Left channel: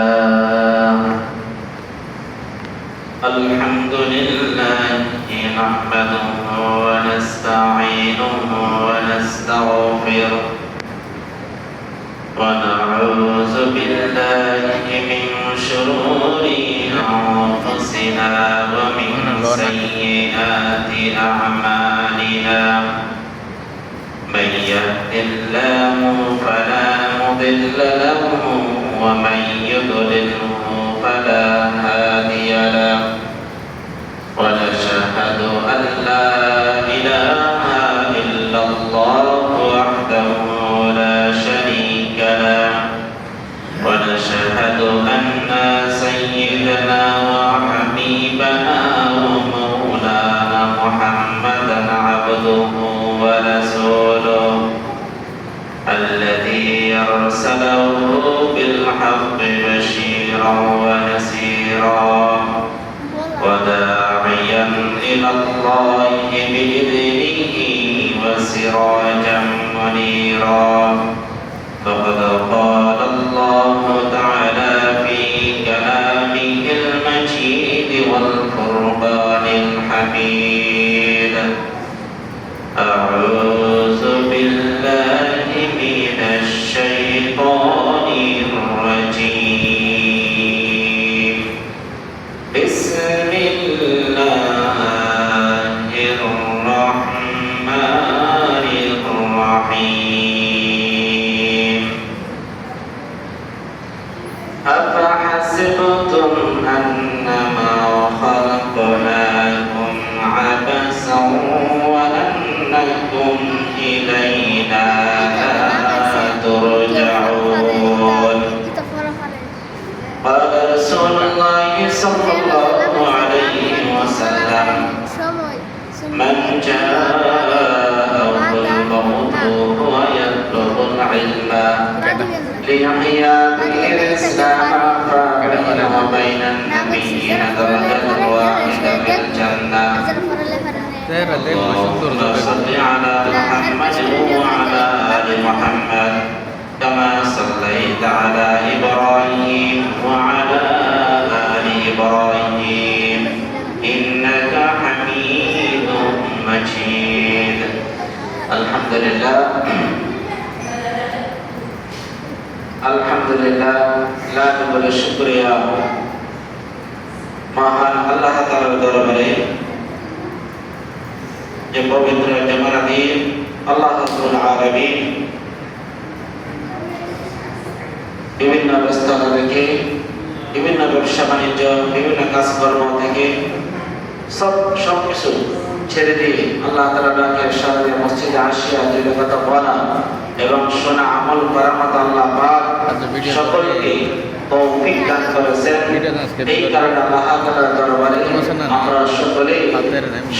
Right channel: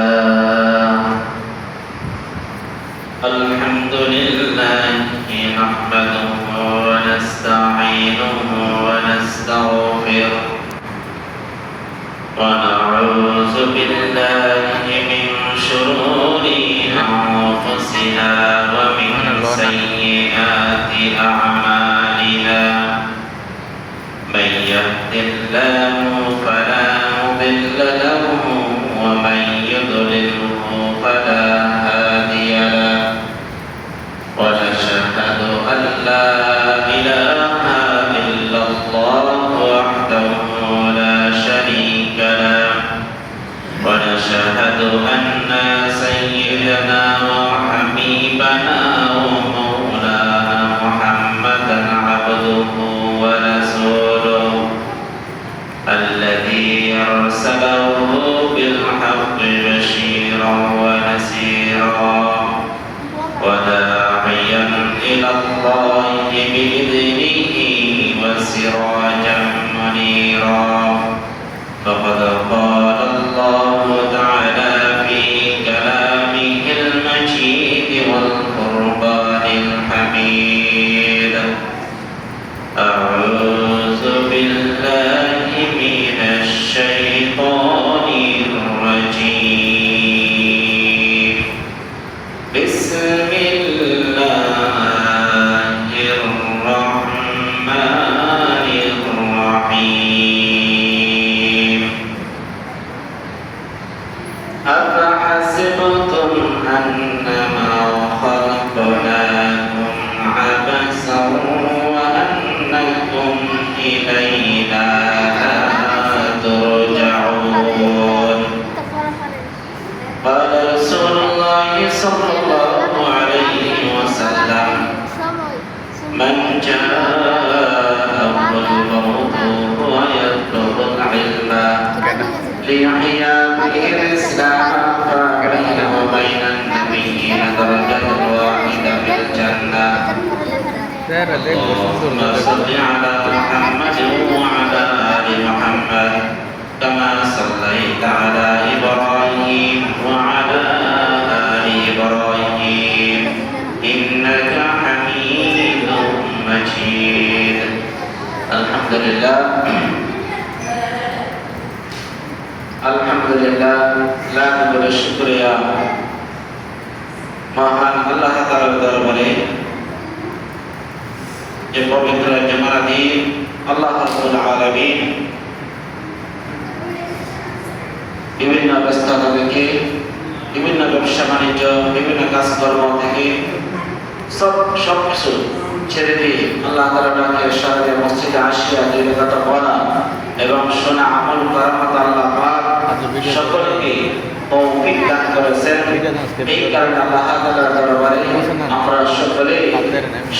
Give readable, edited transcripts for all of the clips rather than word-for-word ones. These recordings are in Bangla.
لله الحمد لله نحمده ونستعينه ونستغفره ونعوذ بالله من شرور أنفسنا ومن سيئات أعمالنا من يهد الله فلا مضل له ومن يضلله فلا هادي له ونشهد أن لا إله إلا الله وحده لا شريك له ونشهد أن سيدنا وحبيبنا ومولانا محمدا عبده ورسوله الذي أرسله بالحق بشيرا ونذيرا وداعيا إلى الله بإذنه وسراجا منيرا فقد قال الله تعالى في كلامه المجيد والقرآن الحميد أعوذ بالله من الشيطان الرجيم بسم الله الرحمن الرحيم أفحسبتم أنما خلقناكم عبثا وأنكم إلينا لا ترجعون قال رسول الله صلى الله عليه وسلم من جاءه الموت وهو يطلب العلم ليحيى به الإسلام فبينه وبين النبيين درجة واحدة في الجنة اللهم صل على محمد وعلى آل محمد كما صليت على إبراهيم وعلى آل إبراهيم إنك حميد مجيد الحمد لله আলহামদুলিল্লাহ লাখ বলে শুকরিয়া মহান আল্লাহ তাআলার দরবারে যে পবিত্র জুমার দিন আল্লাহ রাব্বুল আলামিন বিভিন্ন ব্যস্ততা থেকে বিভিন্ন ব্যবসা বাণিজ্য বিভিন্ন কাজকর্ম থেকে সবকিছু ছেড়ে দিয়ে আল্লাহ তাআলা ডাকে শহরে মসজিদে আসিয়া দুই রাকাত পড়া এবং শোনা আমল করার মতো আল্লাহ পাক সকলকে তৌফিক দান করেছেন। এই কারণে আল্লাহ তাআলার দরবারে আমরা সকলে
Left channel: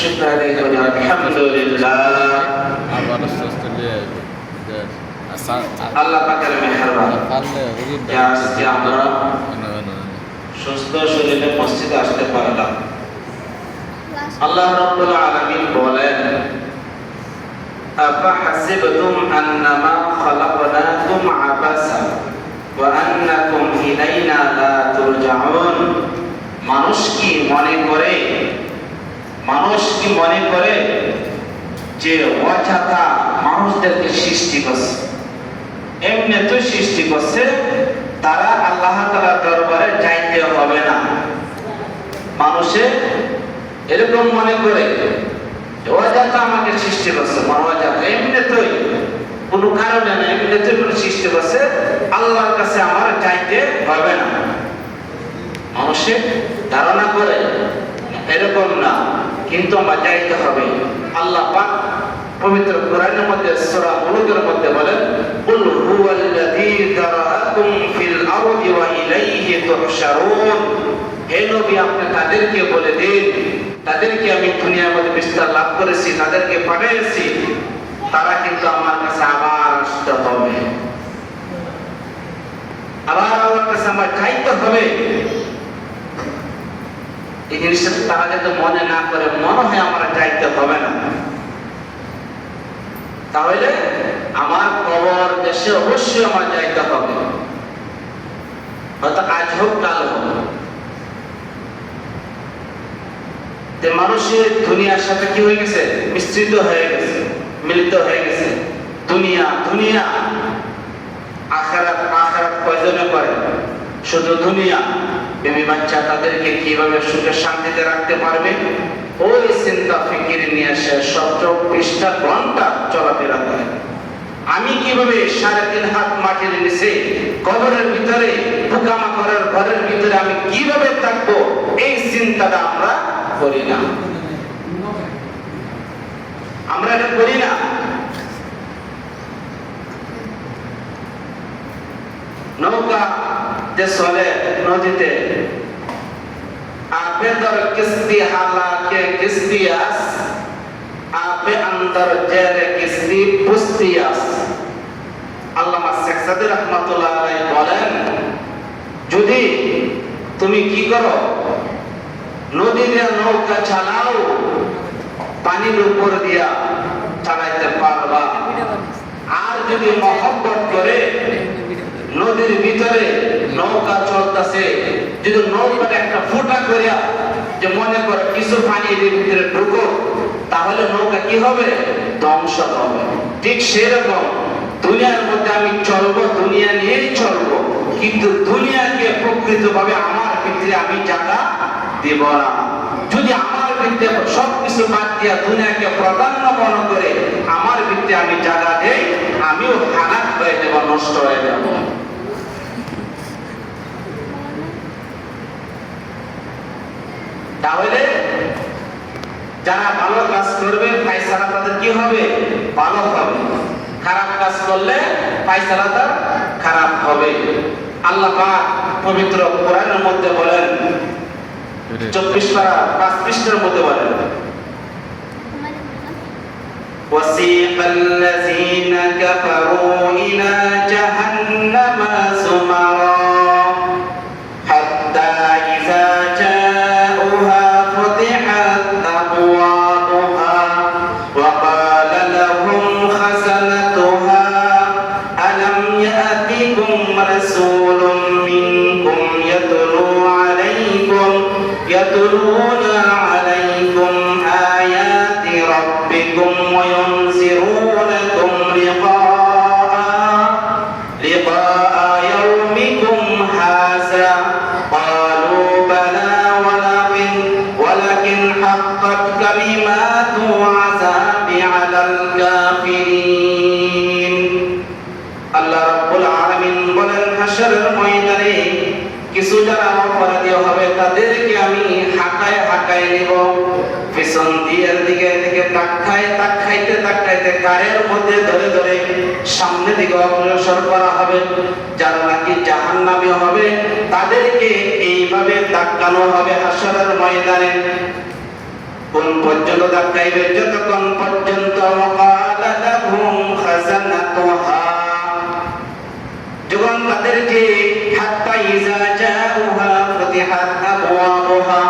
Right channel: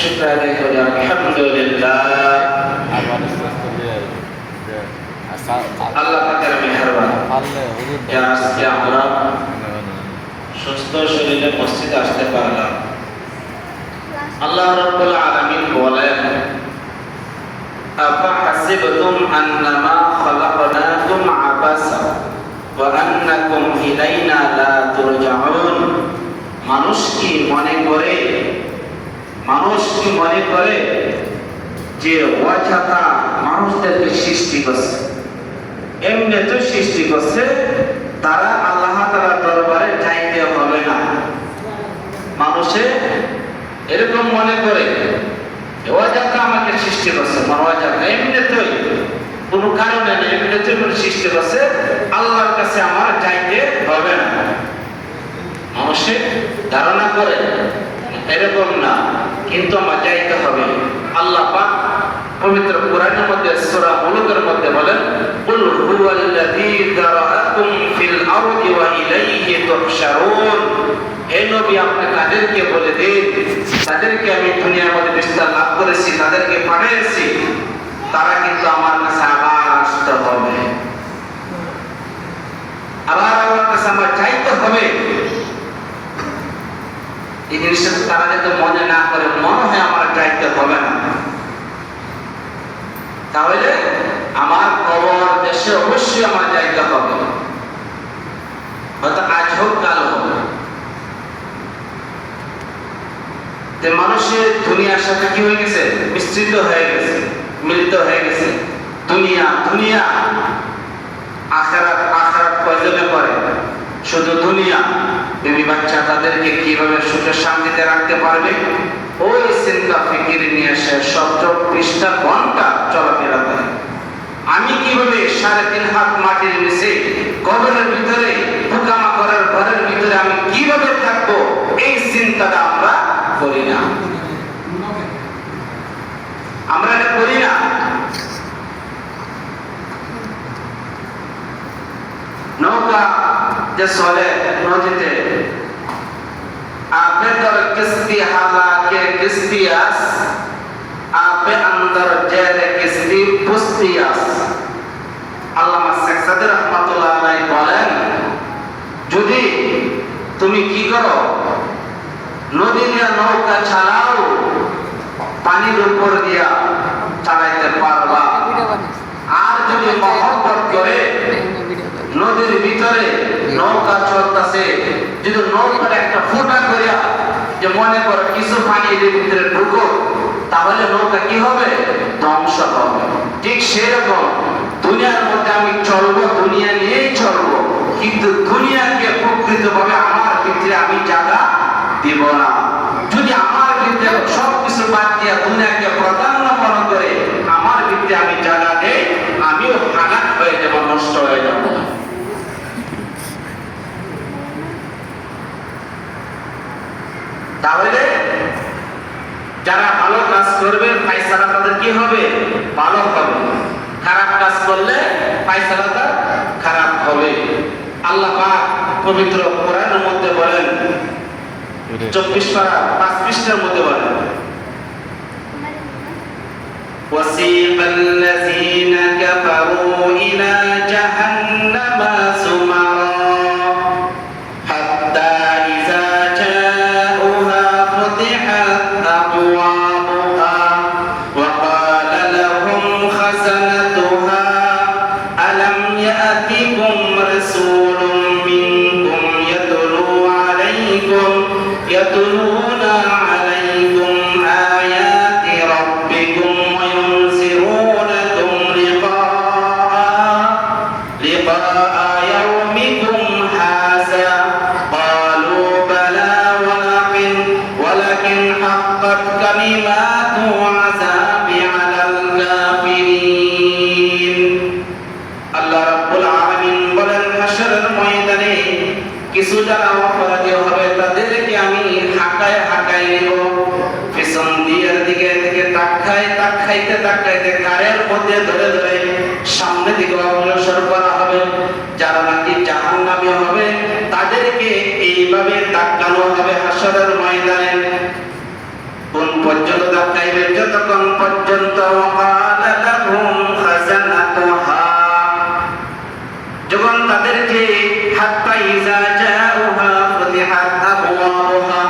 শুকর আদায় করি আলহামদুলিল্লাহ। আল্লাহ পাকের মেহেরবানি যে আজকে আমরা সুস্থ শরীরে মসজিদে আসতে পারলাম। আল্লাহ রাব্বুল আলামিন বলেন أفحسبتم أنما خلقناكم عبثا وأنكم إلينا لا ترجعون মানুষ কি মনে করে যে অযথা মানুষদেরকে সৃষ্টি করছে, এমনি তো সৃষ্টি করছে, তারা আল্লাহ তাআলার দরবারে যাইতে হবে না। মানুষে এরকম মনে করে অযথা আমাকে সৃষ্টি করছে, অযথা এমনিতেই কোনো কারণে না, এমনিতেই কোনো সৃষ্টি করছে, আল্লাহর কাছে আমার যাইতে হবে না। মানুষে ধারণা করে এরকম না, কিন্তু আমার যাইতে হবে। আল্লাহ পাক পবিত্র কোরআনের মধ্যে সূরা মুলুকের মধ্যে বলেন কুল হুয়াল্লাযী যারাআকুম ফিল আরদি ওয়া ইলাইহি তুহশারুন। হে নবী, আপনি তাদেরকে বলে দিন, তাদেরকে আমি দুনিয়ার মধ্যে বিস্তার লাভ করেছি, তাদেরকে পাঠিয়েছি, তারা কিন্তু আমার কাছে আবার আসতে হবে, আবার আমার কাছে আমার চাইতে হবে। এই জিনিসটা তারা যাতে মনে না করে, মনে হয় আমার চাইতে হবে না, তাহলে আমার কবর দেশে অবশ্যই আমার যাইতে হবে। হয়তো আজ যে মানুষের দুনিয়ার সাথে কি হয়ে গেছে, মিশ্রিত হয়ে গেছে, মিলিত হয়ে গেছে। দুনিয়া দুনিয়া, আখিরাত আখিরাত প্রয়োজনে করে, শুধু দুনিয়া। বিবি বাচ্চা তাদেরকে কিভাবে সুখে শান্তিতে রাখতে পারবে, ওই চিন্তা ফিকির নিয়ে সে 24টা ঘন্টা চলাফেরা করে। আমি কিভাবে 3.5 হাত মাটির নিচে কবরের ভিতরে পোকামাকড়ের ঘরের ভিতরে আমি কিভাবে থাকবো, এই চিন্তাটা আমরা করি না। আমরা এটা করি না। नौका जो सोले नौजते आपे दर किस्ती हालाके किस्तियास आपे अंदर जेरे किस्ती पुस्तियास। আল্লামা শেখ সাদি রহমাতুল্লাহ আলাইহি বলেন, যদি তুমি কি করো, নদীর নৌকা চালাও, পানির উপর দিয়া চালাইতে পারবা। আর যদি মহব্বত করে নদীর ভিতরে নৌকা চলতেছে, যদি নৌকার একটা ফুটা করিয়া যে মনে করো কিছু পানি এর ভিতরে ঢুকো, তাহলে নৌকা কি হবে, ধ্বংস হবে। ঠিক সেরকম দুনিয়ার মধ্যে আমি চলবো, দুনিয়া নিয়েই চলবো, কিন্তু দুনিয়াকে প্রকৃতভাবে আমার ভিতরে আমি জায়গা দেব না। যদি আমার ভিতরে সবকিছু বাদ দিয়া দুনিয়াকে প্রাধান্য মনে করে আমার ভিতরে আমি জায়গা দেই, আমিও হালাক হয়ে যাব, নষ্ট হয়ে যাব। তাহলে যারা ভালো কাজ করবে ফায়সালা তাদের কি হবে, ভালো হবে। খারাপ কাজ করলে ফায়সালাটা খারাপ হবে। আল্লাহ পাক পবিত্র কোরআনের মধ্যে বলেন, 24 পারা 5 পৃষ্ঠার মধ্যে বলেন, وَسِيقَ الَّذِينَ كَفَرُوا إِلَى جَهَنَّمَ زُمَرًا حَتَّى إِذَا جَاءُوهَا فُتِحَتْ أَبْوَابُهَا وَقَالَ لَهُمْ خَزَنَتُهَا أَلَمْ يَأْتِكُمْ رَسُولٌ مِّنكُمْ يَتْلُونَ عَلَيْكُمْ آيَاتِ رَبِّكُمْ وَيُنذِرُونَكُمْ لِقَاءَ يَوْمِكُمْ هَٰذَا قَالُوا بَلَىٰ وَلَكِنْ حَقَّتْ كَلِمَاتُ الْعَذَابِ عَلَى الْكَافِرِينَ। আল্লাহ রাব্বুল আলামিন বলেন, হাশরের ময়দানে কিছু যারা অপরাধী হবে তাদেরকে আমি হাঁকায় হাঁকায় নেব, পিছন দিকের দিকে তাক খাইতে কারের মধ্যে ধরে ধরে সামনে দিকে অগ্রসর করা হবে। যারা নাকি জাহান্নামী হবে তাদেরকে এইভাবে ধাক্কানো হবে হাশরের ময়দানে। কোন পর্যন্ত ধাক্কাইবে, যতক্ষণ পর্যন্ত ওয়াকালা লাহুম খাজানাতুহা, যখন তাদেরকে হাত্তা ইযা জাউহা ফুতিহাত আবওয়াবুহা,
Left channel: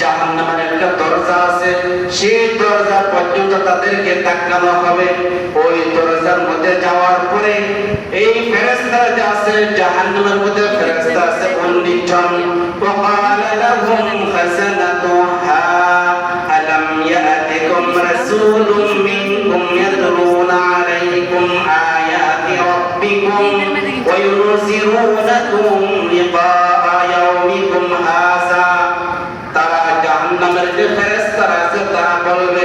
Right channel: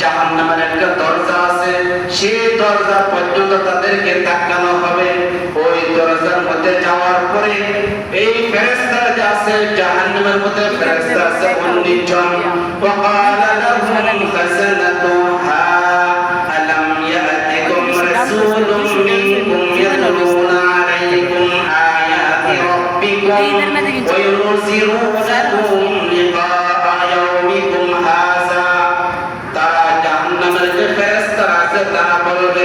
জাহান্নামের একটা দরজা আছে, সেই দরজা পর্যন্ত তাদেরকে ধাক্কানো হবে। ওই দরজার মধ্যে যাওয়ার পরে এই ফেরেশতারা যে আছে, জাহান্নামের মধ্যে ফেরেশতা আছে 19 জন। ওয়াকালা লাহুম খাজানাতুহা আলাম ইয়াতিকুম রাসূলুম মিনকুম ইয়াতলুনা আলাইকুম আয়াতি রাব্বিকুম وينذرونكم لقاء يومكم هذا। তারা জাহান্নামের যে ফেরেশতারা আছে তারা বলবে,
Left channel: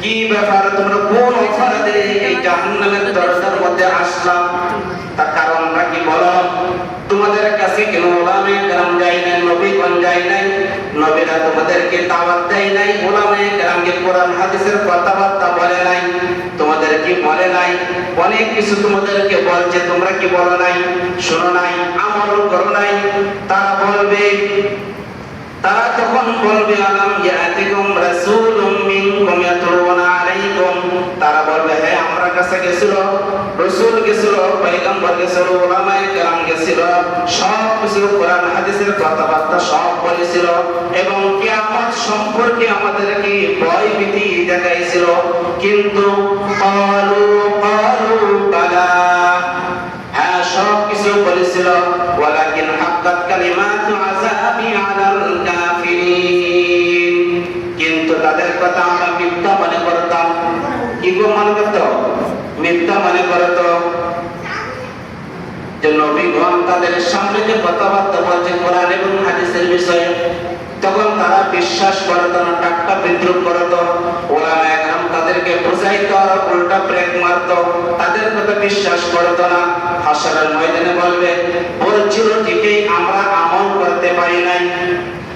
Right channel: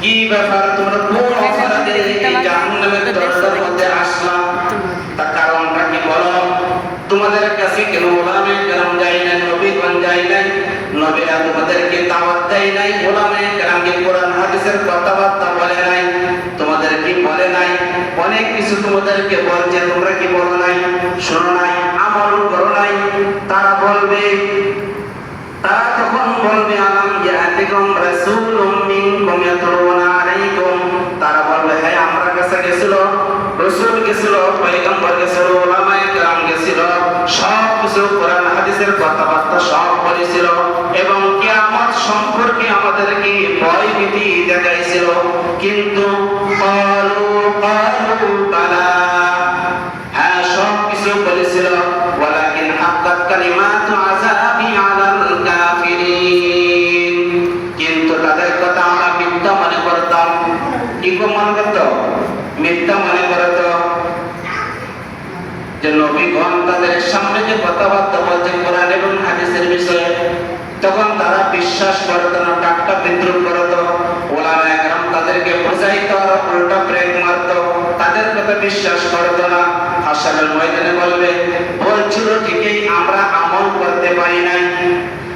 কি ব্যাপার, তোমরা কোন অপরাধে এই জাহান্নামের দরজার মধ্যে আসলা? তার কারণটা কি বলো? তোমাদের কাছে কেন ওলামায়ে কেরাম যায় নাই, নবীগণ যায় নাই, নবীরা তোমাদেরকে দাওয়াত দেয় নাই, ওলামায়ে কেরামকে কোরআন হাদিসের কথাবার্তা বলে নাই, তোমাদের কি বলে নাই? অনেক কিছু তোমাদেরকে বলছে, তোমরা কি বলো নাই, শোনো নাই, আমল করো নাই। তারা বলবে, তারা তখন বলবে, আলাম ইয়াতিকুম রাসূলুম মিনকুম ইয়াতলুনা আলাইকুম, তারা বলবে, হ্যাঁ আমার কাছে গেছিল, রাসূল গেছিল, পয়গম্বর গেছিল, ওলামায়ে কেরাম গেছিল, সব কিছু কোরআন হাদিসের কথাবার্তা সব বলেছিল এবং কিয়ামত সম্পর্কে আমাদেরকে ভয় ভীতি দেখাইছিল। কিন্তু ক্বালু বালা, হ্যাঁ সব কিছু বলেছিল, ওয়ালাকিন হাক্কাত কালিমাতু আযাবি আলাল কাফিরিন, কিন্তু কথা আমরা মিথ্যা মনে করতাম। কি মনে করত? মিথ্যা মনে করত। যে নবীগণ তাদের সামনে যে কথাবার্তা বলছে কোরআন এবং হাদিসের বিষয়ে, তখন তারা বিশ্বাস করত না, টাট্টা বিদ্রুপ করত। ওলামা একরাম তাদেরকে বোঝাইত আর উল্টা ব্রেক মারত, তাদের কথা বিশ্বাস করত না। হাসরের ময়দানে বলবে, বলছিল ঠিকই, আমরা আমল করতে পারি নাই,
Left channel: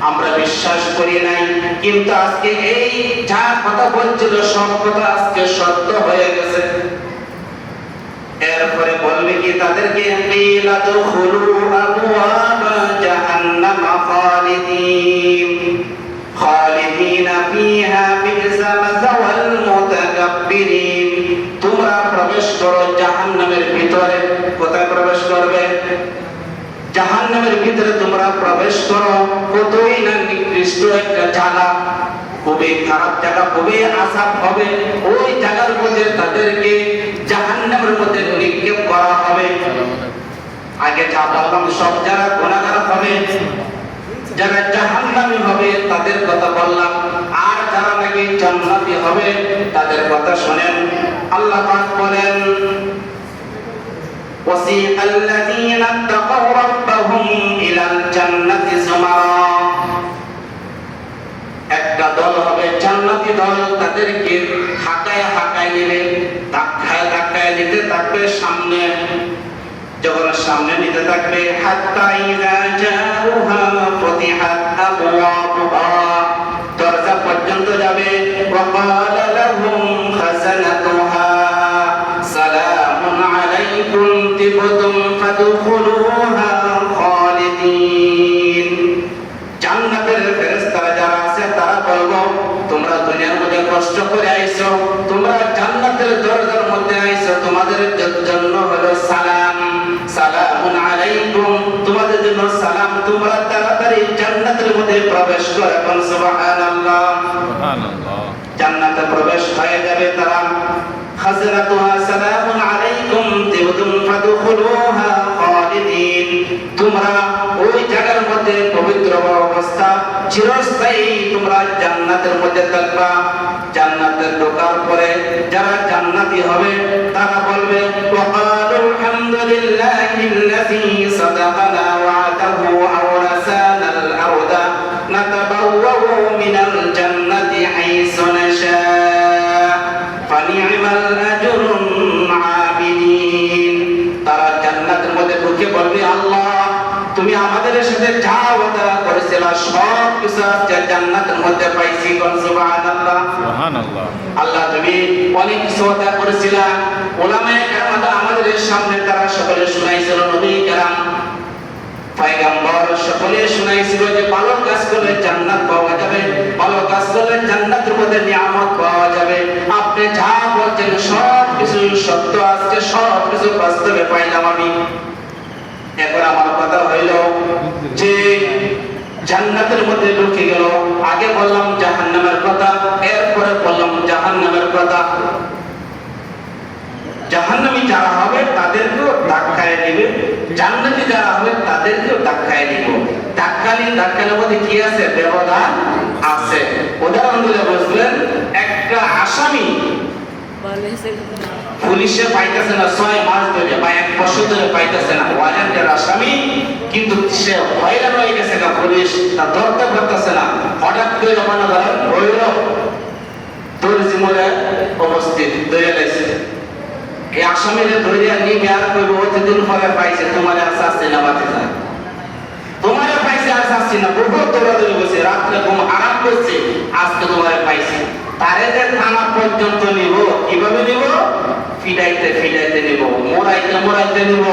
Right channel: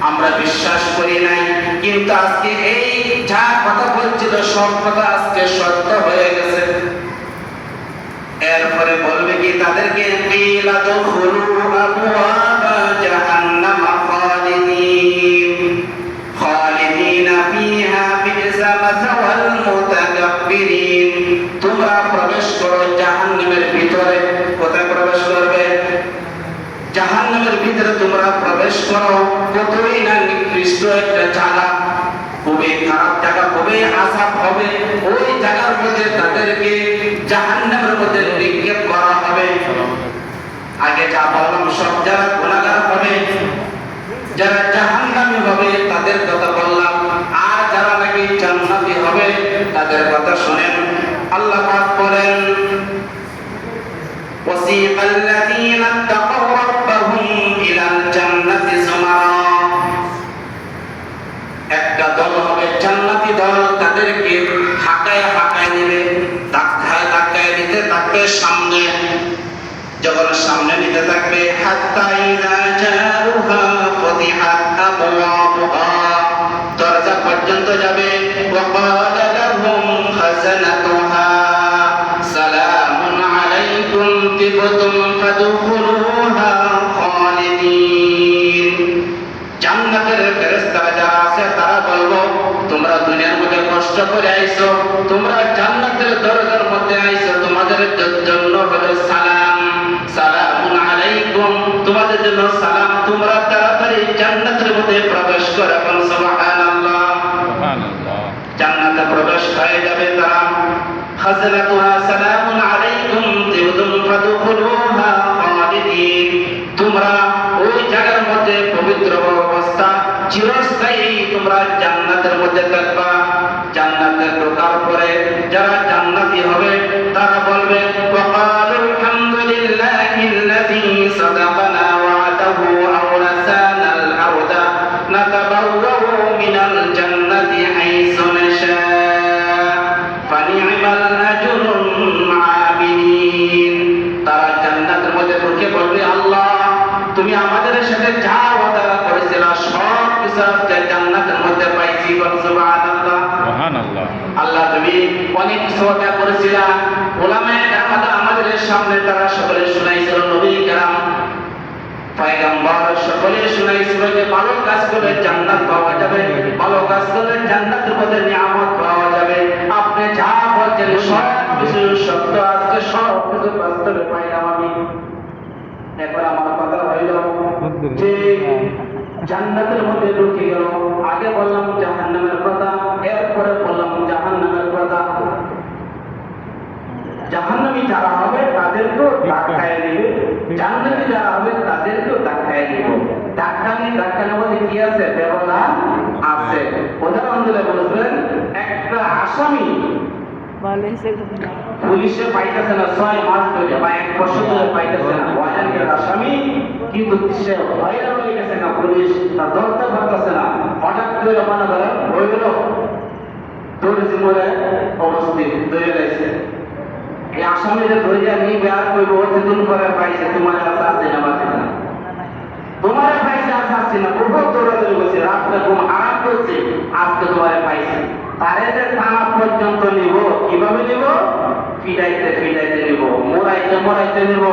আমরা বিশ্বাস করি নাই, কিন্তু আজকে এই যা কথা বলছিল সব কথা আজকে সত্য হয়ে গেছে। এরপরে বলবে কি তাদেরকে, কিলা দুখুলু আবওয়াবা জাহান্নাম খালিদিনা ফিহা বি'সা মাসাওয়াল মুতাকাব্বিরিন। তোমরা প্রবেশ করো জাহান্নামের ভিতরে। কোথায় প্রবেশ করবে? জাহান্নামের ভিতরে তোমরা প্রবেশ করো। কতই না নিকৃষ্ট একটা জায়গা, খুবই খারাপ জায়গা, খুবই আযাব হবে। ওই জায়গার মধ্যে তাদেরকে জাহান্নামের মধ্যে নিক্ষেপ করা হবে। আগে যা বললাম সব যারা গুনাহগার হবে, যারা জাহান্নামী হবে তাদের কথা বললাম, আর যারা নাকি জান্নাতি হবে তাদের কথা শুনেন। আল্লাহ পাক বলেন, وَسِيقَ الَّذِينَ اتَّقَوْا رَبَّهُمْ إِلَى الْجَنَّةِ زُمَرًا। একটা দল হবে জান্নাতি দল, তাদেরকে হাঁকায় হাঁকায় নিবে, ধাক্কায় ধাক্কায় নিতে থাকবে সামনে। যখন সামনে নিতে থাকবে, হাত্তা ইযা জাউহা ফুতিহাত আবওয়াবুহা, দরজা পর্যন্ত যাবে। ওয়া ক্বালা লাহুম খাযানাতুহা সালামুন আলাইকুম তিবতুম ফাদখুলুহা খালিদিন। জান্নাতের ফেরেশতারা যারা আছে তারা বলবো, তোমরা দুনিয়ার মধ্যে কষ্ট করে আইছো, তোমরা জান্নাতের দরজার মধ্যে আইছো, তোমাদের জন্য হলো সালাম, সালামুন আলাইকুম, তোমাদের জন্য সালাম, তোমরা তাড়াতাড়ি জান্নাতের মধ্যে প্রবেশ করো। সুবহানাল্লাহ, সুবহানাল্লাহ। জান্নাতে প্রবেশ হয়ে যাবে তারা। খাযনাতুহা সালামুন আলাইকুম তিবতুম ফাদখুলুহা খালিদিন। তোমরা ওই জায়গার মধ্যে পবিত্র অবস্থা চিরস্থায়ী তোমরা জান্নাতের মধ্যে থাকবা। জান্নাতে ঢোকার পরে যারা জান্নাতি হবে তারা বলবে, ওয়াকালু আলহামদুলিল্লাহিল্লাযী সাদাকানা ওয়া'দাহু আওরাসানাল আরদা নাতাবাওয়াউ মিনাল জান্নাতি হাইসু নাশা ফানি'মাল আজরুল আমিলিন। তারা জান্নাতের মধ্যে ঢুকে বলবে, আল্লাহ তুমি আমাদের সাথে যা ওয়াদা করেছিলা সব কিছু আজকে জান্নাতের মধ্যে পাইছি। সুবহানাল্লাহ, সুবহানাল্লাহ। আল্লাহ তুমি অনেক কিছু ওয়াদা করেছিলা, উলামায়ে কেরাম আমাদের সামনে তারা সকলে শুনাইছিল, নবী কেরাম পয়গম্বর সকলে শুনাইছিল যে ভালো কাজ করলে জান্নাত পাওয়া যাবে, ভালো কাজ করলে জান্নাতের মধ্যে নিয়ামত পাওয়া যাবে। আপনি যা বলছেন সব কিছু সত্য, আজকে সব কিছু বাস্তবে পাইলাম আমি। এখন আমার কথা হইল যে জান্নাতের মধ্যে ঢুকে গেল। আগে বললাম জাহান্নামের কথা, এরপরে বললাম জাহান্নামের কথা। জাহান্নামী যারা হবে তাদেরকেও ধাক্কায় নেবে, জান্নাতি যারা হবে তাদেরকেও ধাক্কায় নেবে। ধাক্কার মধ্যে কি আছে? ব্যবধান আছে। উদাহরণ দিলে বুঝবেন, একটা আসামি পুলিশে পাইতেছে না 6 মাস ধরে বা 1 বছর ধরে পাইতেছে না, ওয়ারেন্টের আসামি, কিন্তু সে হয়রান হয়ে গেছে না, পুলিশ তা ধরতে পারতেছে না। হঠাৎ করে মনে করেন হইল দর্জিমরে অবস্থিত ধরে লাইছে, এই আসামিরে ধরে নিয়ে গিয়ে কইব অতদিন পরে পাইছে, তোমার আশা আসছে না, বাতিজা তোমার পাইছে, আশা আসছে না, বহু দৌড়াদৌড়ি করছে, রাত্রে ঘুম আরাম করছে, আজকে তোমার পাইছে। তারে যে থানা পর্যন্ত নিব, কিভাবে নিব? ফিডাইতে ফিডাইতে নিব, মোড়াইতে মোড়াইতে নিব।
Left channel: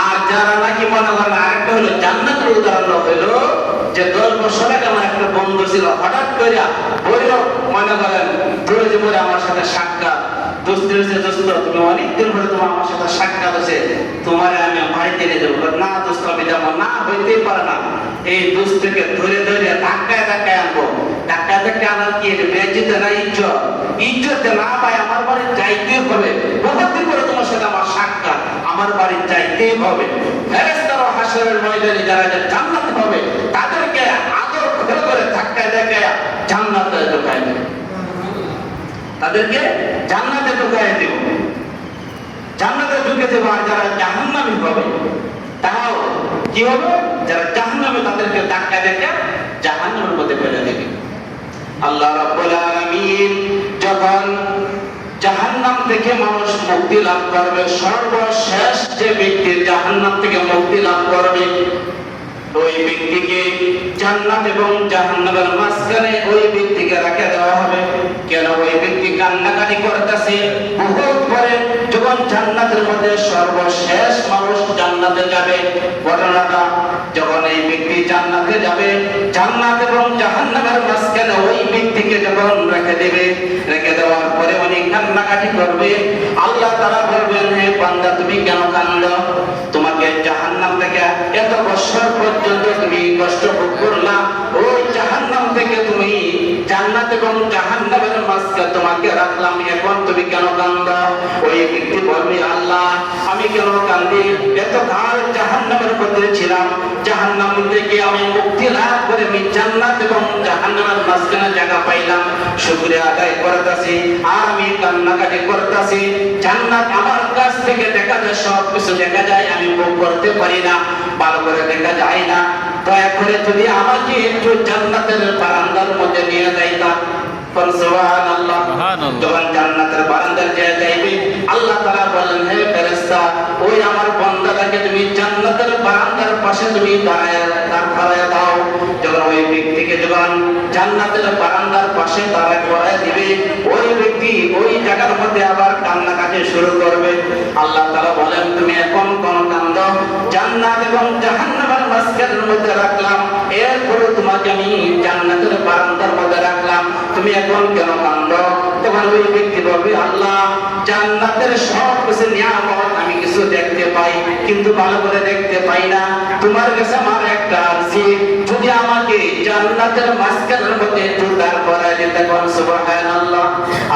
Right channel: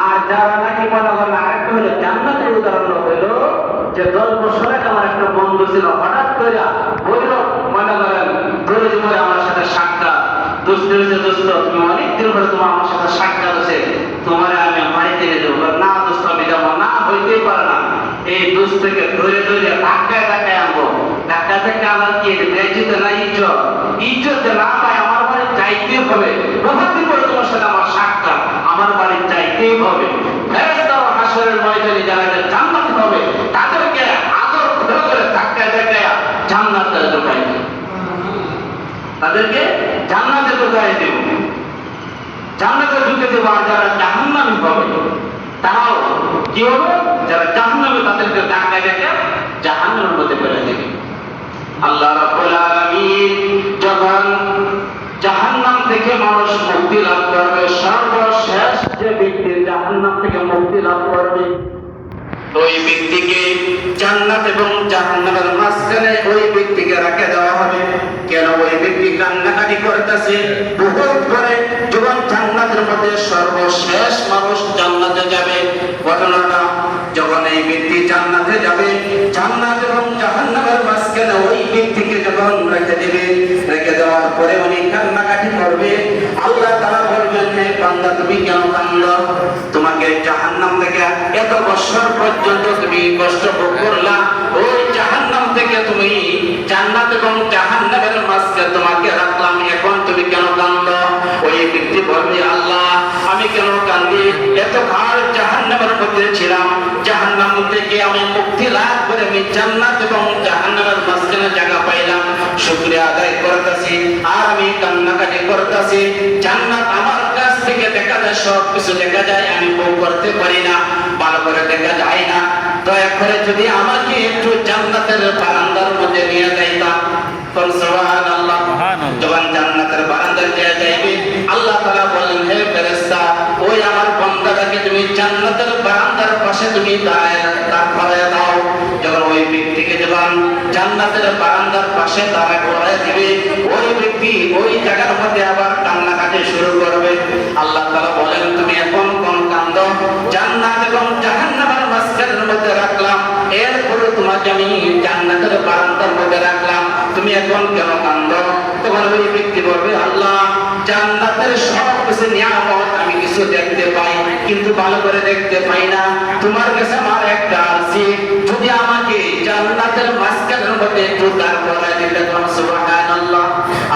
আর যারা নাকি মনে করেন, আরেকটা হলো জান্নাতের উদাহরণ হইল যে 10 বছর আগে আমার একটা বন্ধু ছিল, হঠাৎ করে বলল মনে করেন দৌড়ে মরে আমার সাথে সাক্ষাৎ, দোস্ত হয়েছে, দোস্ত তুমি অনেকদিন পরে তোমার আমার সাথে সাক্ষাৎ হয়েছে, তোমার আমি বাড়িতে নিয়ে যাবো। না দোস্ত আমি যাবো না, হইতেই পারে না। এই দোস্তকে ধরে ধরে ধাক্কায় ধাক্কায় আনবো, ধাক্কা ধাক্কা আনার কি বেজিতে না ইজ্জত, ইজ্জতে না পাই আমার বাড়ি যাইতে হবে। বহুদিন পরে তোমার সাথে আমার সাক্ষাৎ, আমার বাড়ি যাইতেই হবে। ফেরেশতারা হাশরের ময়দানে যারা জান্নাত হবে তাদেরকে আদর করে ধাক্কায় ধাক্কায় জান্নাতে ঢোকায়। তাদেরকে জান্নাতে ঢুকাই দেব, জান্নাতে ঢুকে দেবো। আর যারা জাহান্নামী হবে তারাও কি হবে, যারা জাহান্নামী তাদেরকে ধাক্কা দেখে জাহান্নামের মধ্যে ফেলে দেবে। আল্লাহ রাব্বুল আলামিন যখন জাহান্নাম থেকে মানুষ মুক্তি লাভ করবে, সর্বশেষ যে ব্যক্তি জাহান্নাম থেকে মুক্তি লাভ করবে ওই ব্যক্তিকে জান্নাত এবং জাহান্নামের মাঝখানে ওই ব্যক্তিকে রেখে দেওয়া হবে। কেন? ওই ব্যক্তি কান্নাকাটি করতেছে বহুত করে, যখন জান্নাতের মধ্যে সর্বশেষ মানুষ জান্নাতে যাবে, ঘটনাটা যখন এই ব্যক্তি জান্নাতে যাবে, জান্নাত এবং জাহান্নামের মাঝখানে ওই ব্যক্তিকে যখন রেখে দেবে, রেখে দেওয়ার পরে উনি কান্নাকাটি করবে। আল্লাহ তাআলা বলবেন, হে বান্দা তুমি কেন কাঁদো? তোমাকে জাহান্নাম থেকে এত বছর পর্যন্ত তুমি কষ্ট ভোগ করলা, ওই জাহান্নাম থেকে তুমি জান্নাত এবং জাহান্নামের মাঝখানে তোমাকে রাখলাম, এখন তুমি কেন কাঁদো? ওই ব্যক্তি বলবে, আল্লাহ আমি কেন কাঁদি? এত কাল জাহান্নামের মধ্যে ছিলাম, জাহান্নাম থেকে আমি মুক্তি লাভ করে আমি জান্নাত এবং জাহান্নামের মাঝখানে জায়গা পাইলাম, শুকরিয়া আদায় করতেছি আর আমি কান্নাকাটি করতেছি। জান্নাত আমার কাছ থেকে দেখা যায়, সব কিছু দেখা যায়, আমি ভোগ করতে পারি না, ভালো করে দেখা যায় না। দয়া করে যদি আমাকে একটু জান্নাতের বারান্দার মধ্যে নিয়ে যাইতাম। সুবহানাল্লাহ। যখন জান্নাতের বারান্দায় নিয়ে যাইবে, আল্লাহ তাআলা বলেন, হে ফেরেশতা ওই আমার বান্দাটাকে তুমি জান্নাতের বারান্দার পাশে তুমি দাঁড় করায় দাও। যখন ওই ব্যক্তিকে যখন জান্নাতের বারান্দার পাশে দাঁড় করায় দিবে, ওই ব্যক্তি ওই জায়গার মধ্যে আবার কান্নাকাটি শুরু করবে। আল্লাহ তাআলা বলেন, তুমি এখন কোন কান্দো? জান্নাত এবং জাহান্নামের মাঝখানের মধ্যে রাখলাম, এরপরে তোমাকে আমি জান্নাতের বারান্দার মধ্যে রাখলাম, তুমি এখন কেন কান্দো? তোমার ওই ব্যক্তি বলবে, আল্লাহ জান্নাতের সব কিছু নিয়ামত আমি কিছু দেখতে পাই, কিন্তু ভালো করে দেখতে পাই না। তোমার কাছে আমার একটা আরজি, যদি আমাকে জান্নাতের মাঝখানের মধ্যে একটু দাঁড় করায় দিতে পারেন। সুবহানাল্লাহ।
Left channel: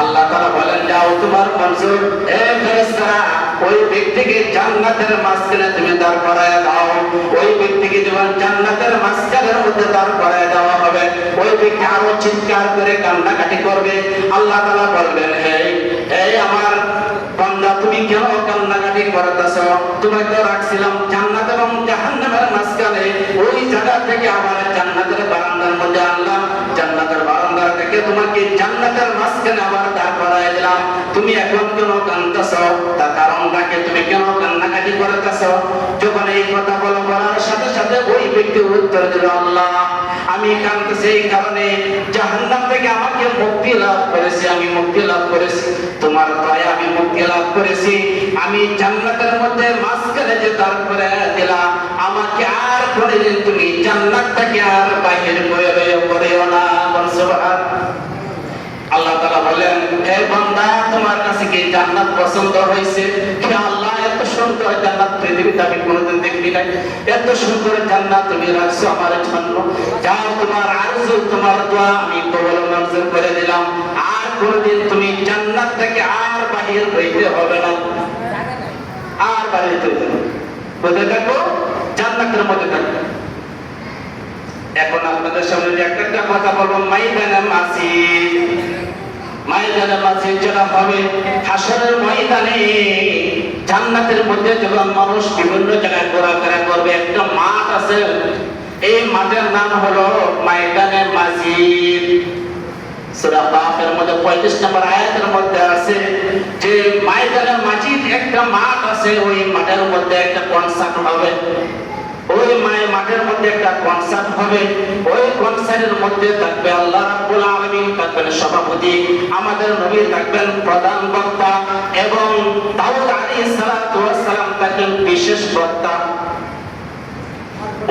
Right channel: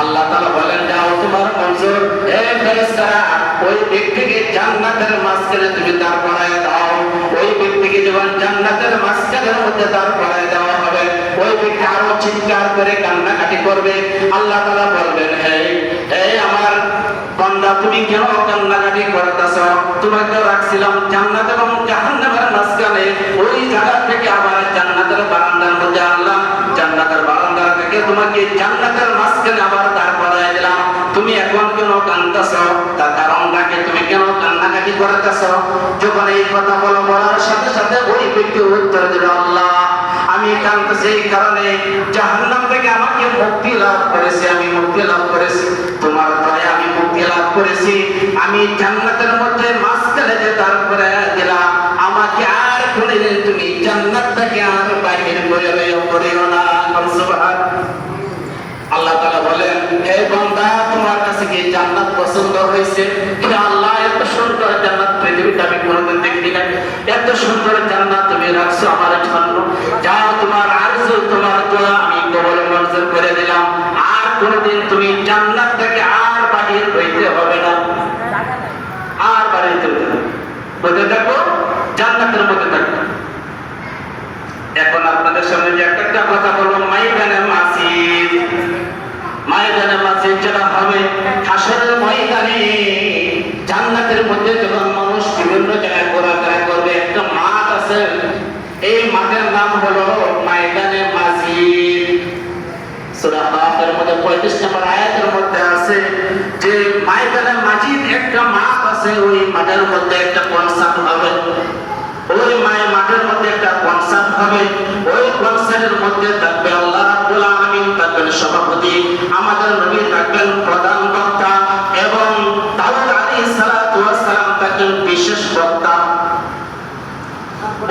আল্লাহ তাআলা বলেন, যাও তোমার মঞ্জুর। হে ফেরেশতারা ওই ব্যক্তিকে জান্নাতের মাঝখানে তুমি দাঁড় করায় দাও। ওই ব্যক্তিকে যখন জান্নাতের মাঝখানের মধ্যে দাঁড় করায় দেওয়া হবে, ওই ব্যক্তি আরো চিৎকার করে কান্নাকাটি করবে। আল্লাহ তাআলা বলবেন, হে আমার বান্দা তুমি কেন কান্নাকাটি করতেছো? তোমাকে রাখছিলাম জান্নাত এবং জাহান্নামের মাঝখানে, ওই জায়গা থেকে আবার জান্নাতের বারান্দার মধ্যে আনলাম, জান্নাতের বারান্দা থেকে তোমাকে জান্নাতের মাঝখানে আবার দাঁড় করায় দিলাম, তুমি এখন কেন কাঁদতেছো? তার কারণটাকে তুমি কেন কান্নাকাটি করতেছো? যখন এই কথা বলার সাথে সাথে ওই ব্যক্তি উত্তর দিল, আল্লাহ আমি কাঁদতেছি এই কারণে জাহান্নাম থেকে আমাকে মুক্তি লাভ করেছি, আমি মুক্তি লাভ করেছি, তোমার দয়া আমি মুক্তি লাভ করেছি, আমি জান্নাতের মধ্যে মাঝখানে যে তারপরে দিলাম, আমাকে আর কোনদিন তুমি জান্নাত থেকে আর বাহির করিও না। সুবহানাল্লাহ। আল্লাহ তাআলা বলেন, হে বান্দা তোমার কাছে কি জান্নাত পছন্দ হয়েছে? হে আল্লাহ এত সুন্দর জান্নাত পৃথিবীতে আমি কোনোদিন দেখিনি না, এত সুন্দর জান্নাত তুমি রাখছো আমার জন্য, যাও তোমার আরজু তোমার দোয়া আমি কবুল মঞ্জুর করে দিলাম, আর কোনোদিন তুমি জান্নাত থেকে আর বাহির হইতে হবে না, আর বাহির হইতে হবে না, বলতে থাকো জান্নাতের মধ্যে থাকো। এখন আপনাদের সামনে যে একটা কথা বলবো, ময়দানে মাসিদ, ময়দানে মাসিদ যেটা হবে হাসরের ময়দানে, জান্নাতের মধ্যে যখন মানুষ বিভিন্ন জায়গায় ঘোরাফেরা করবে, একটা মাঠ আছে, এই মাঠের নাম হলো ময়দানে মাসিদ। সূরা কাফের মধ্যে 35 নম্বর আয়াতের মধ্যে আছে যে ময়দানে মাসিদ একটা মাঠ আছে, ওই মাঠের মধ্যে একটা কনসার্ট হবে, ওই মাঠের মধ্যে একটা কনসার্ট হবে, ওই কনসার্টের মধ্যে থাকবে আল্লাহ রাব্বুল আলামিন, থাকবেন সভাপতি, আমাদের নবী থাকবেন প্রধান বক্তা, এবং দাউদ আলাইহিস সালাতু ওয়াস সালাম থাকবেন বিশেষ বক্তা।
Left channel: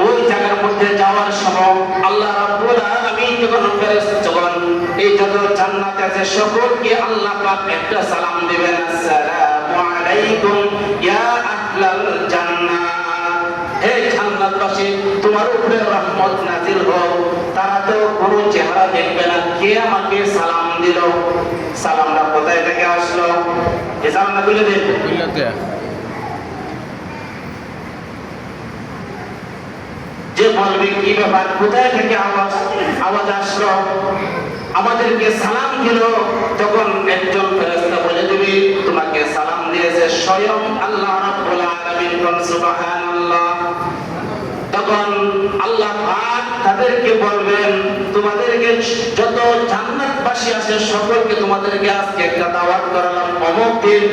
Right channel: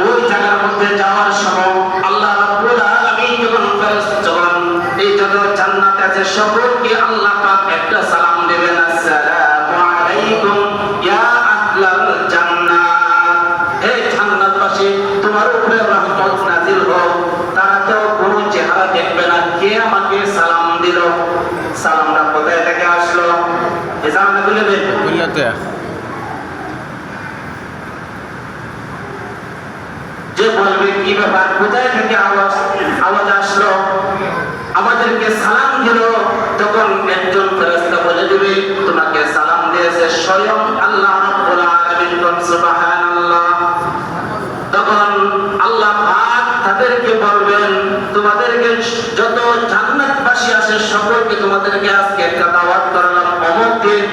ওই জায়গার মধ্যে যাওয়ার সময় আল্লাহ রাব্বুল আলামিন যখন এই যত জান্নাত আছে সকলকে আল্লাহ পাক একটা সালাম দিবেন, আসসালামু আলাইকুম ইয়া আহলাল জান্নাত, হে জান্নাতবাসী তোমার উপরে রহমত নাযিল হোক। তারা তো কোনো চেহারা দেখবে না, কে আমাকে সালাম দিল, সালামটা কোথায় থেকে আসলো, এই সালামটা বলে দেন যে বলবে কি ব্যাপার, কোথায় থেকে আওয়াজ আসলো, আমাদেরকে সালাম দিল, তখন একজন ফেরেশতা বলে দিবে তোমাকে সালাম দিয়েছে স্বয়ং আল্লাহ রাব্বুল আলামিন। সুবহানাল্লাহ। তখন আল্লাহ পাক তাদেরকে বলবেন তোমাদেরকে যত জান্নাতবাসী আছে সকলকে তোমাদেরকে আজকে একটা দাওয়াত করালাম। অমুক দিন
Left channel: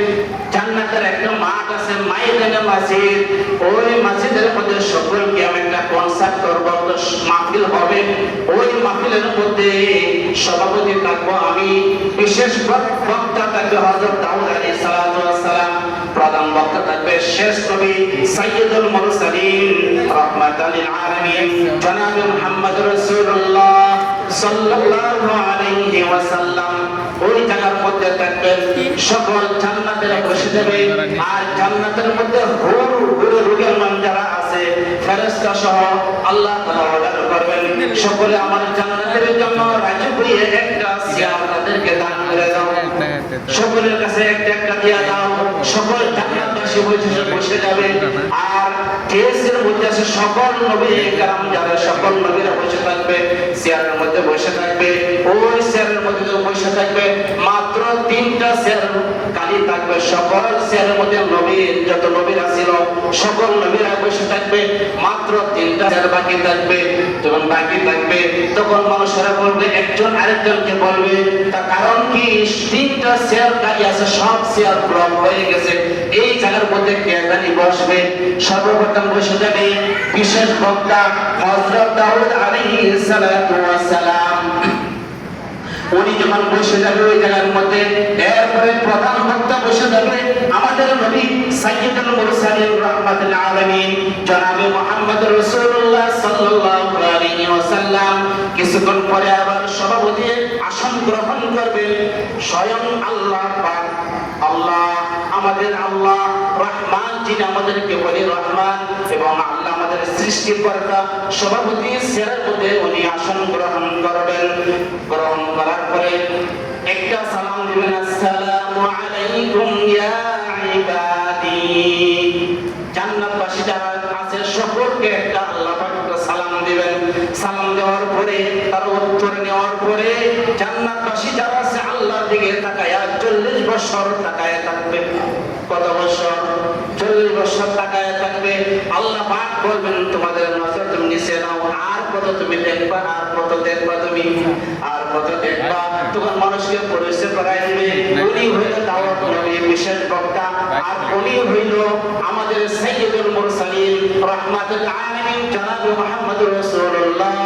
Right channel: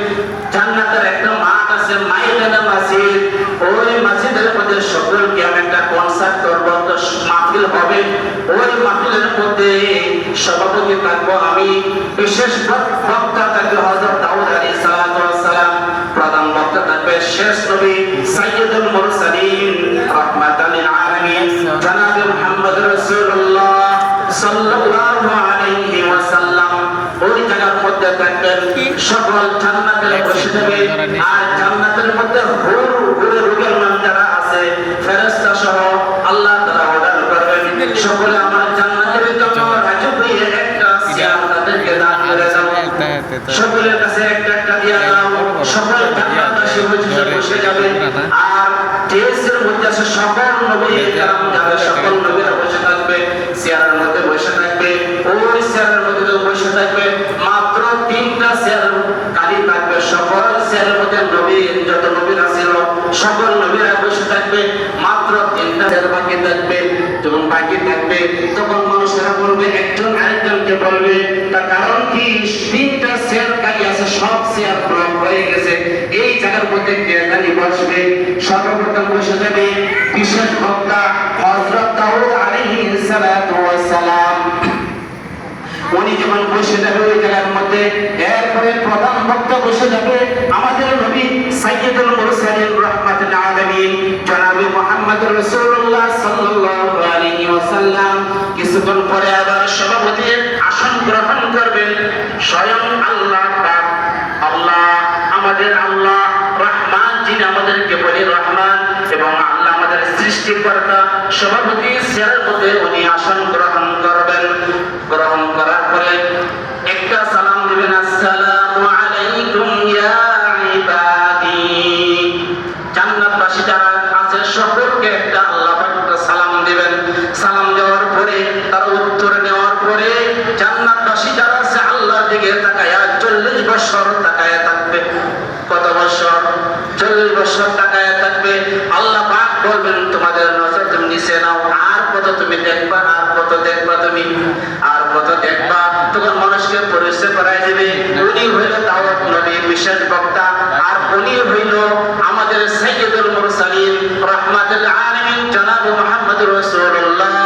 জান্নাতের একটা মাঠ আছে, মাইদানে মসজিদ, ওই মসজিদের মধ্যে সকলকে আমি একটা কনসার্ট করব, মাহফিল হবে। ওই মাহফিলের মধ্যে সভাপতি থাকবো আমি, বিশেষ বক্তা থাকবে হযরত দাউদ আলাইহিস সালাম, প্রধান বক্তা থাকবে শেষ নবী সাইয়্যিদুল মুরসালিন রাহমাতাল লিল আলামিন জনাবে মুহাম্মদ রাসূলুল্লাহ সাল্লাল্লাহু আলাইহি ওয়াসাল্লাম। ওই জায়গার মধ্যে থাকবেন, সকল জান্নাতের বসে যাবে। আর জান্নাতের মধ্যে হুর রুগের মান যারা আছে ফেরেশতা সহ আল্লাহ তাআলা অর্ডার করবেন সকলে আমার জান্নাতের জন্য রাজি হয়ে একটা চেয়ার তাদেরকে দান করে দাও, সকলের কাছে একটা একটা দিয়া দাও। সকল জান্নাতবাসী বসে যাবে। আর টেসের মধ্যে আছে সকল নবী کرام যারা সকল নবীরা বসে থাকবে, চেয়ারের মধ্যে বসে থাকবে। ওই চেয়ারের মধ্যে বসে থাকবে মাত্র 3টা চেয়ার খালি থাকবে। সকল চেয়ারের মধ্যে নবী যত নবীরা ছিল সকল নবীরা বসে থাকবে, মাত্র 3টা চেয়ার বাকি থাকবে। যখন বাকি থাকবে তখন মানুষেরা বলবে, একজন আরেকজনকে বলবে তার কারণ কি 3টা চেয়ার খালি আছে, সব চেয়ার ব্লক হয়ে গেছে, এই জায়গার মধ্যে কে জানি বসবে। সর্বপ্রথম বসে যাবে বিশেষ বক্তা হযরত দাউদ আলাইহিস সালাতু ওয়াস সালাম। উনি যখন বসে যাবে ওই জায়গার মধ্যে, এরপরে প্রধান বক্তা বসে যাবে আমাদের নবী সাইয়্যিদুল মুরসালিন রাহমাতুল আলামিন জনাবে মুহাম্মদ রাসূলুল্লাহ সাল্লাল্লাহু আলাইহি ওয়াসাল্লাম। কিছুক্ষণ পরে আবার সভাপতির আসন গ্রহণ করবেন স্বয়ং আল্লাহ পাক। আল্লাহ আমাদের আল্লাহ রহমান, যিনি আমাদেরকে বলি রহমান, এবং আল্লাহ আমাদের সৃষ্টিকর্তা। সভাপতি চেয়ারের মধ্যে উনি আসন গ্রহণ করবেন। গ্রহণ করার পরে একটা সালাম দিবেন, আসসালামু আলাইকুম ইয়া ইবাদি। জান্নাতবাসী যারা আছে সকলকে একটা আল্লাহ পাক সালাম দিবেন। সালাম দেওয়ার পরে তার উত্তর নেওয়ার পরে জান্নাতবাসী যারা আছে আল্লাহর দিকে তাকায়া 40 বছর তাকায়া থাকবে। কত বছর? 40 বছর তাকায়া থাকবে। আল্লাহ পাক বলবেন তোমাদের নজর তুমি নিচে নাও, আর কত তুমি দেখবা, আর কত দেখবা তুমি, আর কত দেখবা। তখন মানুষকে পরিচয় করাই দেবে উনি হইল দাউদ নবী বিশেষ বক্তা, আর উনি হইল আমাদের সাইয়্যিদুল মুরসালিন রাহমাতুল আলামিন জনাবে মুহাম্মদ রাসূলুল্লাহ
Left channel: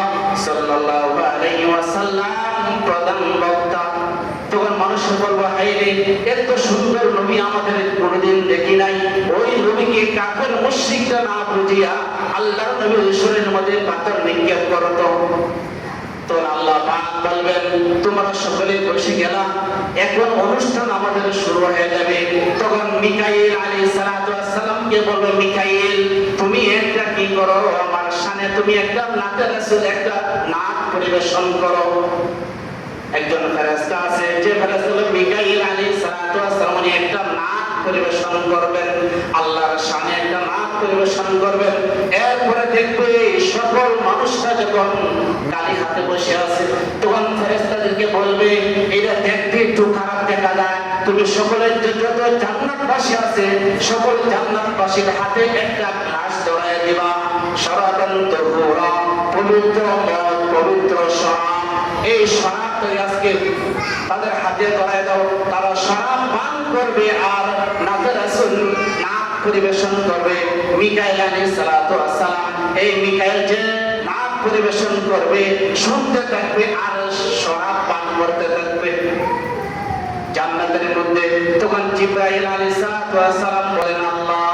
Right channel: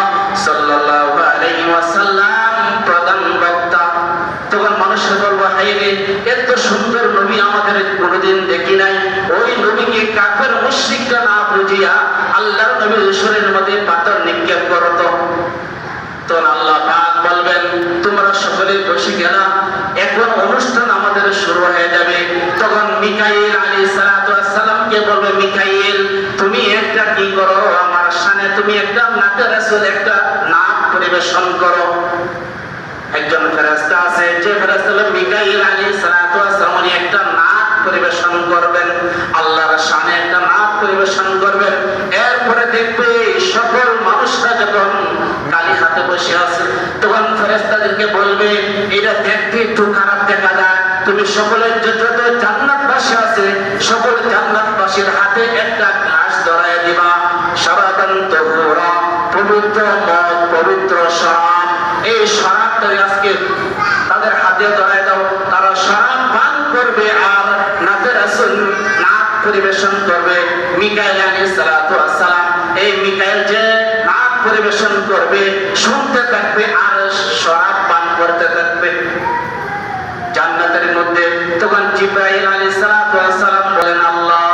সাল্লাল্লাহু আলাইহি ওয়াসাল্লাম প্রধান বক্তা। তখন মানুষের বলবো, হায় রে, এত সুন্দর নবী আমাদের কোনোদিন দেখি নাই। ওই নবীকে কাফের মুশরিকরা না বুঝিয়া আল্লাহর নবীর শরীরের মধ্যে পাথর নিক্ষেপ করত। তখন আল্লাহ পাক বলবেন তোমরা সকলে বসে গেলা, এখন অনুষ্ঠান আমাদের শুরু হয়ে যাবে। তখন মিকাইল আলাইহিস সালাতু ওয়াস সালামকে বলবে, মিকাইল তুমি একটা কি করো আমার শানে, তুমি একটা নাতে রাসূল একটা নাচ পরিবেশন করো। একজন ফেরেশতা আছে, যে ফেরেশতা হলো মিকাইল আলাইহিস সালাতু ওয়াস সালাম, উনি একটা নাচ পরিবেশন করবেন, আল্লাহর শানে একটা নাচ পরিবেশন করবেন। এরপরে দেখবে সকল মানুষরা যখন কালি হাতে বসে আছে তখন ফেরেশতাদেরকে বলবে এটা দেখতে একটু খারাপ দেখা যায়, তুমি সকলের যত জান্নাতবাসী আছে সকল জান্নাতবাসীর হাতে একটা গ্লাস ধরায় দিবা, শরাবান তাহুরা, পবিত্র মদ, পবিত্র শরাব। এই শরাবটা আজকে তাদের হাতে ধরায় দাও, তারা শরাব পান করবে আর নাতে রাসূল নাচ পরিবেশন করবে। মিকাইল আলাইহিস সালাতু ওয়াস সালাম এই মিকাইল যে নাচ পরিবেশন করবে শুনতে থাকবে আর শরাব পান করতে থাকবে জান্নাতের মধ্যে। তখন জিবরাইল আলাইহিস সালাতু ওয়াস সালাম বলেন, আল্লাহ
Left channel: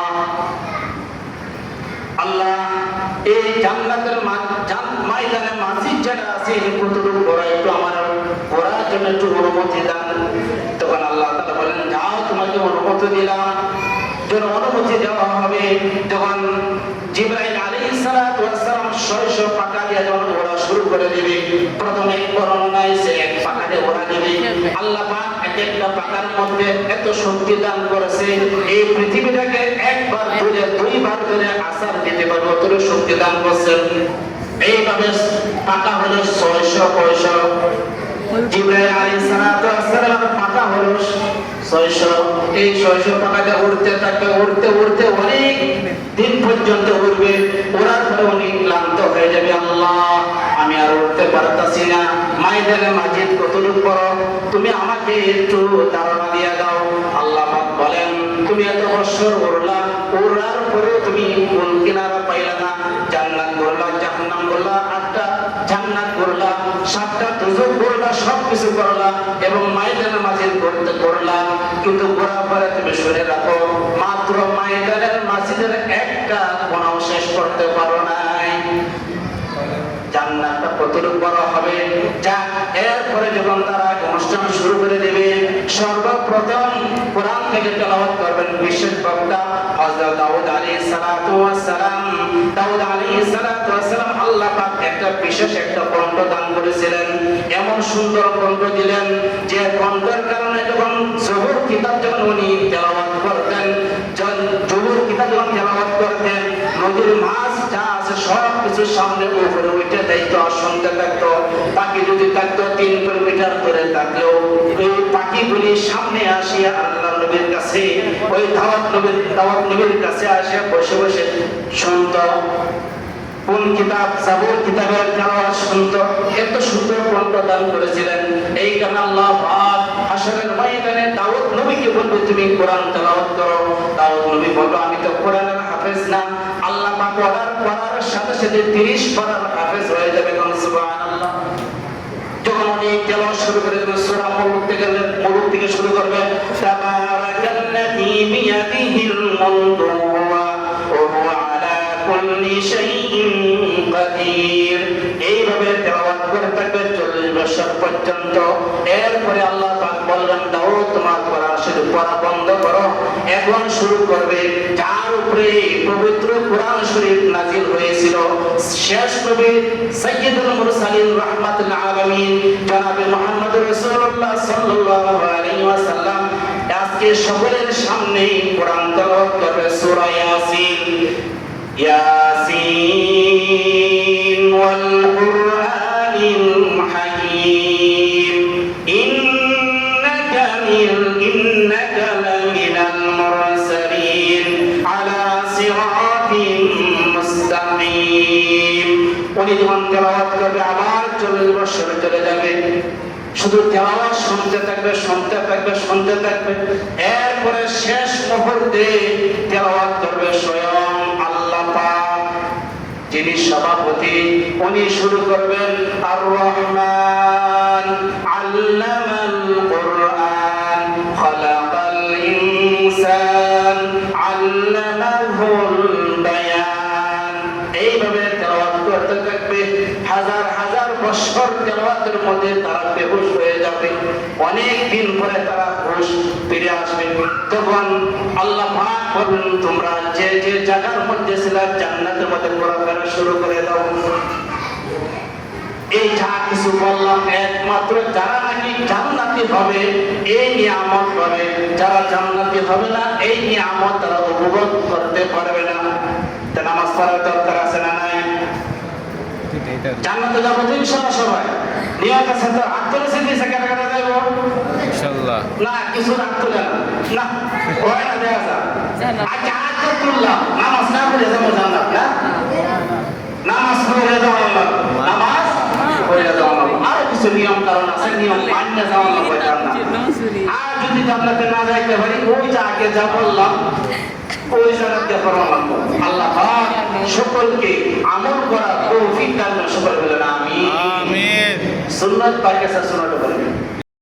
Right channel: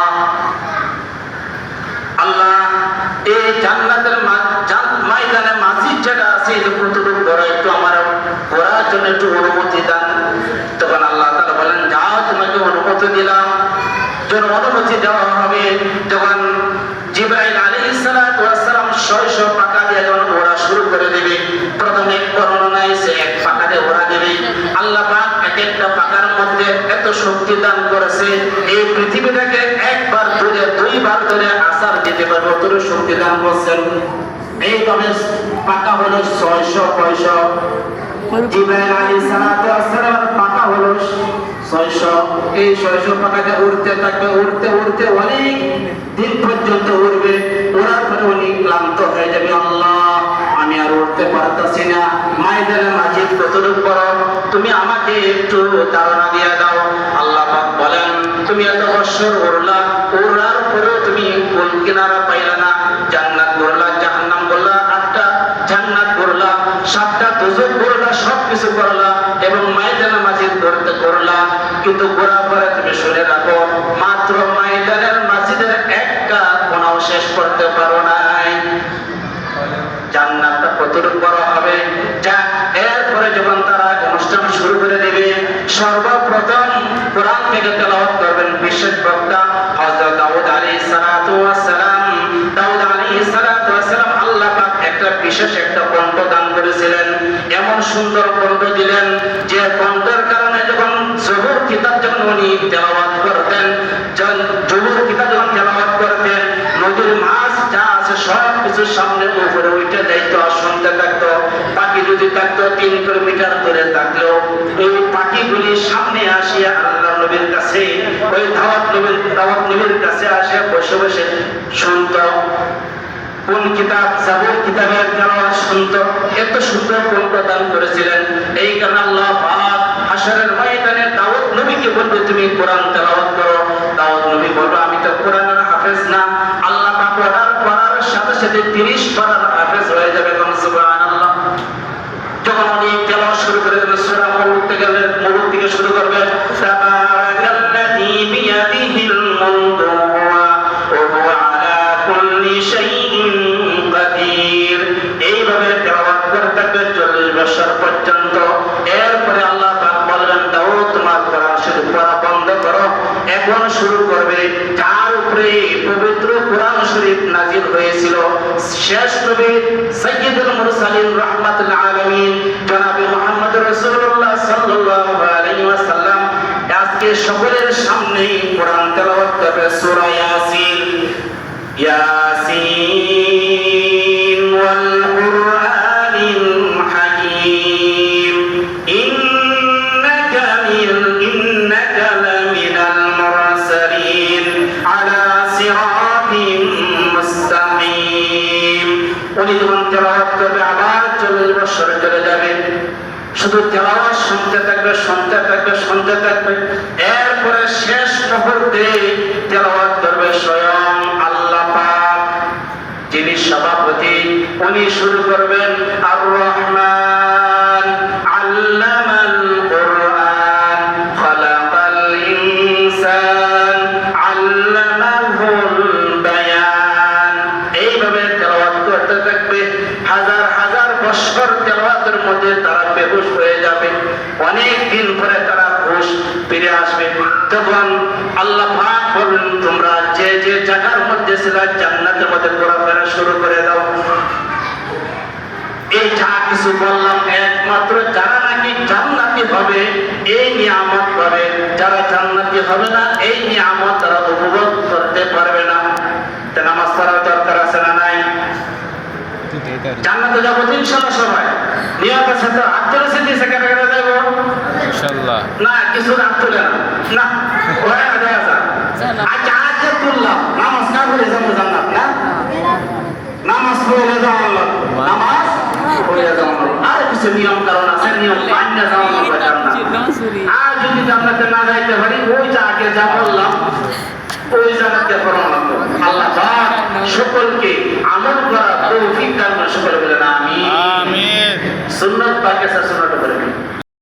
এই জান্নাতের ময়দানে মসজিদ যেটা আছে এটা কতটুকু বড়, একটু আমার ঘোরার জন্য একটু অনুমতি দান। তখন আল্লাহ তাআলা বলেন, যাও তোমাকে অনুমতি দিলাম। যখন অনুমতি দেওয়া হবে তখন জিবরাইল আলাইহিস সালাতু ওয়াস সালাম 600 পাকা দিয়ে যখন ওরা শুরু করে দিবে, প্রথমে বর্ণনায় সে এক পাকা দিয়ে ওরা দিবে। আল্লাহ পাক এক একটা পাকার মধ্যে এত শক্তি দান করেছে, এই পৃথিবীটাকে একবার ধরে দুইবার ধরে আসার দিতে পারবে, অত শক্তি দান করছেন। এইভাবে পাকা হলো 600। জিবরাইল আলাইহিস সালাতু ওয়াস সালাম পাকা হলো 600। এই 600 পাকাটা উড়তে থাকবে, উড়তে উড়তে অনেক দিন পর্যন্ত উড়বে। ওড়ার পরে উনি ক্লান্ত হয়ে যাবে, আল্লাহ আমি আর উড়তে পারতাছি না, ময়দানে মাজিদ কতটুকু বড়, তুমি আমাকে একটু ধারণা দিয়ে দাও। আল্লাহ পাক বলেন, তুমি এত বছর উড়লা, উড়ার পরেও তুমি কোন কিনারা পাইলা না। জান্নাত করলা, জাহান্নাম করলা, 8টা জান্নাত করলা, 7টা দোজখ করলা, সবকিছু করলা এবং ময়দানে মাজিদ করতে করলা, কিন্তু ঘোরার পরে তুমি শুনে রাখো, মাত্র ময়দানের মাজিদের একটা কোনাও শেষ করতে পারো নাই। জান্নাতটা কতটুকু বড় হবে। যা এরপরে যখন তারা অনুষ্ঠান শুরু করে দেবে, সর্বপ্রথম কোরআন থেকে তেলাওয়াত করবেন বিশেষ বক্তা হযরত দাউদ আলাইহিস সালাতু ওয়াস সালাম। দাউদ আলাইহিস সালাতু ওয়াস সালাম আল্লাহ পাক একটা বিশেষ একটা কণ্ঠ দান করেছিলেন, এমন সুন্দর কণ্ঠ দিলেন যে কণ্ঠের কারণে যখন জবুর কিতাব যখন উনি তেলাওয়াত করতেন, জবুর কিতাব যখন তেলাওয়াত করতেন, নদীর মাছ যা আছে সব কিছুর সামনে উপরে উঠে যাইতো, শুনতে থাকতো। পাখি যদি থাকতো 3 কিলোমিটার দূরে থাকলেও এই পাখিগুলি সামনে আসিয়া আল্লাহ নবীর কাছে, ওই দাওয়াত নবীর কাছে আসে বসে বসে শুনতো। কোন কিতাব? জাবুর কিতাবের তেলাওয়াত শুনতো। এত সুন্দর কণ্ঠ দান করেছিলেন। এই কারণে আল্লাহ পাক হাশরের ময়দানে দাউদ নবীকে বলবে, তুমি কোরআন তেলাওয়াত করো। দাউদ নবী বলবে, আমি তো কোরআনের হাফেজ না। আল্লাহ পাক অর্ডার করার সাথে সাথে 30 পারার হাফেজ হয়ে যাবে। সুবহানাল্লাহ। যখন উনি তেলাওয়াত শুরু করে দেবেন, সূরা মুলক থেকে শুরু করবেন, তাবারাকাল্লাযী বিয়াদিহিল মুলকু ওয়া হুয়া আলা কুল্লি শাইইন কাদির। এইভাবে তেলাওয়াত করতে থাকবে 40 বছর পর্যন্ত। এরপরে আল্লাহ পাক বলবেন, দাউদ তোমার কোরআন শরীফ পড়া বন্ধ করো, এখন শুরু করবে যার উপরে পবিত্র কোরআন শরীফ নাজিল হয়েছিল, শেষ নবী সাইয়্যিদুল মুরসালিন রাহমাতুল আলামিন জনাবে মুহাম্মদ রাসূলুল্লাহ সাল্লাল্লাহু আলাইহি ওয়াসাল্লাম আজকে সকলের সামনে কোরআন তেলাওয়াত করবে সূরা ইয়াসিন। ইয়াসিন ওয়াল কুরআনিল হাকীম ইন্নাকা লামিনাল মুরসালিন আলা সিরাতিন মুস্তাকিম। উনি যখন তেলাওয়াত করবে আবার 40 বছর চলে যাবে, শুধু তেলাওয়াত শুনতে থাকবে, শুনতে থাকবে, শুনতে থাকবে। এরপরে শেষ মুহূর্তে তেলাওয়াত করবে স্বয়ং আল্লাহ পাক, যিনি সভাপতি। উনি শুরু করবেন, আর রহমান আল্লামাল কুরআন খালাকাল ইনসান আল্লামাহুল বায়ান। এইভাবে তেলাওয়াত করতে থাকবে। হাজার হাজার বছর তেলাওয়াতের মধ্যে তারা বেহুশ হয়ে যাবে। অনেক দিন পরে তারা হুঁশ ফিরে আসবে। তখন আল্লাহ পাক বলবেন, তোমরা যে যে জায়গার মধ্যে ছিল জান্নাতের মধ্যে ঘোরাফেরা শুরু করে দাও। এই যা কিছু বললাম একমাত্র যারা নাকি জান্নাতি হবে এই নিয়ামত পাবে, যারা জান্নাতি হবে না এই নিয়ামত তারা উপভোগ করতে পারবে না। নামাজ পড়ার দরকার আছে না নাই? জান্নাতে যাবো তো ইনশাআল্লাহ সবাই। নিয়ত আছে তো? হাত তুলেছে দিয়েছে কেটে কেটে যাবো ইনশাআল্লাহ না? কিছু হাত তুলে না হয় না, দেখা যায়। আচ্ছা আজ তুললাম, নামাজ না পড়ে যাবো জান্নাত না? নামাজ পড়ে যাওয়া লাগবে, নামাজ পড়ে যাওয়া লাগবে। আর কিছু নিয়ম কারণ আছে, নিয়ম মান্য যাওয়া লাগবে জান্নাত। আর যদি জান্নাতে না যাইতে পারি, ওই যে আগে যা বললাম ওই জান্নাতে পড়া লাগবে। আল্লাহ পাক সকলকে আমল করার তৌফিক দান করুন। সকলে বলেন আমিন। সুন্নাত পাকে সুন্নাত বলেন।